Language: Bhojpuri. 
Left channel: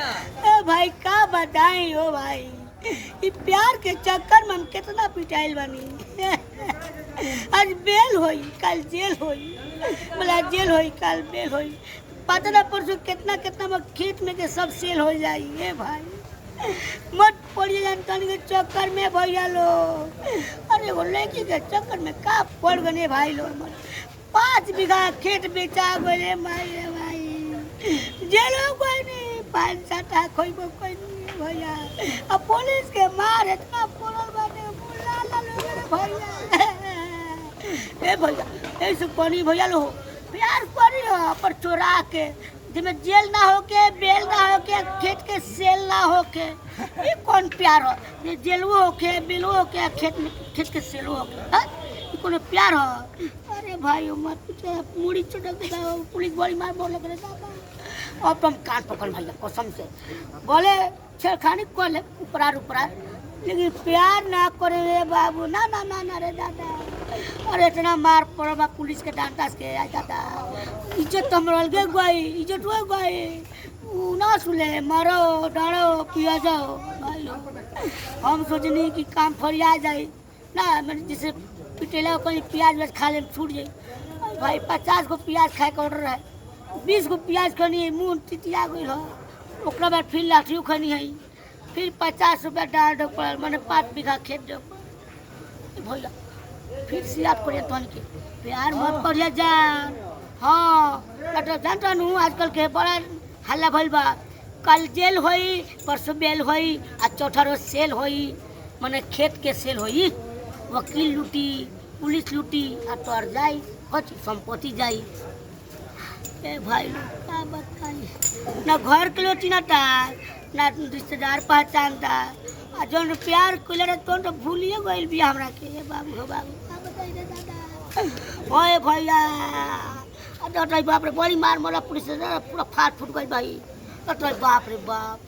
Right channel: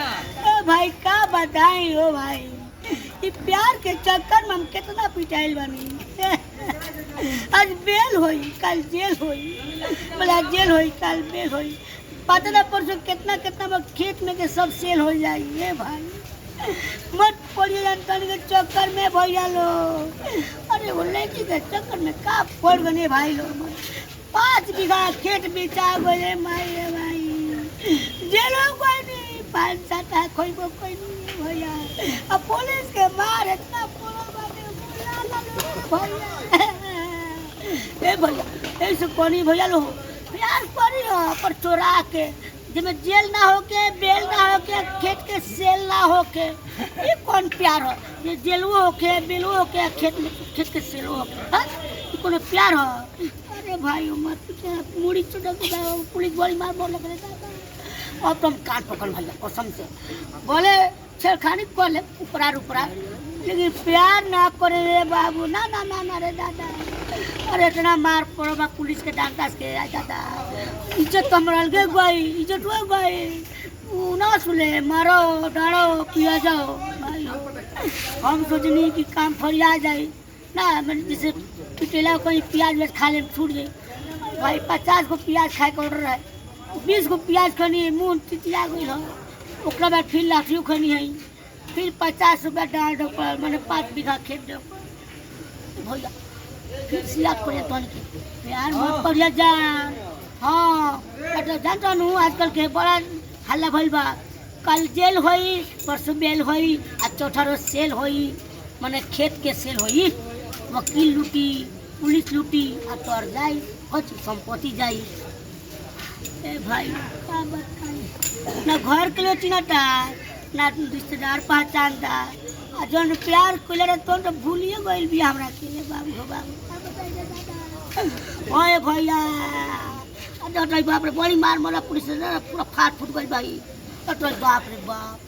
ए भाई का बताई हो भाई, ई प्यार के चक्कर में हम कितना पिटाइल बानी। आज बेल होई कल जेल होई, बोला जेल होई कल बेल होई, पता ना परसों कितना कितना में खेत में के सब सेल हो जाई। ये भाई मत पड़िए जानकारी के चक्कर में भैया लो, अरे वो लड़की के चक्कर में का पड़ गए भाई लो। 5 बीघा खेत बेचा गए भाई, जेलो कोई नहीं, 5-7 कोई नहीं भैया। अब पुलिस के मार इतना पड़ल बाटे भैया। ए भैया ऐसे कोनी भैया लो प्यार करी हो पर चोरा के, जिसमें जेल ना होके बेल ना होके खेत के सेल ना होके, ये कौन प्यार हो? ये जेलवो होके बेलवो होके खेत के सेलवो होके, हाँ ये कौन प्यार हो? अरे भाई मत मुड़ी चुटक पुलिस बड़ी मार बोल लग रहा। अब तुम कान पकड़ भैया कसम से, बोले छेड़खानी कर ले ऊपरार ऊपरार, लेकिन प्यार ना करे रे बाबू, ना ना ना ना रे दादा। अरे इतना मार पड़ो बा पुलिस के डांटा के दादा, इज्जत तो हमारा अलगे गई, इज्जत हो गई ना सुले, मारो डालो पिया जाओ भाई। हम सोचनी कि काम फरिया जाए ना, मैंने जैसे पिटेला कोई प्याज वेज खा ले छूट जाए भाई। 50 को प्याज खाए का ऑर्डर है, 20 को प्याज खनी है, मुँह चिटिया गई है, ओकरा बाद फिर लाठियों खनी है, फिर 50 रुपया डाल दो पड़ल, मैंने 5 बीघा खेत दो भैया। फिर सियात पड़े तो प्यार मत पड़िया जान। हाँ जानता हूँ आजकल के बड़ा हल्ला भइल बा, कल जेल होई परसों बेल होई आ चौथा रोज सेल होई, मैंने खेत के सेल होई, वकील लूटी पुलिस लूटी आ तोर जाई कुछ संपत्ति जाई। ए भाई क्या बताई, ना घर के लोटी ना टार ना रिश्तेदार पहचानता, आ जौन प्यार कइले रहे तो भूलिए गइल भी हमरा के बाबू हो बाबू। का बताइए दादा ओए भैया, अरे बाप रे बड़ी मार मारा पुलिस पूरा फाट फूट गई भाई। अरे बाप रे बाप,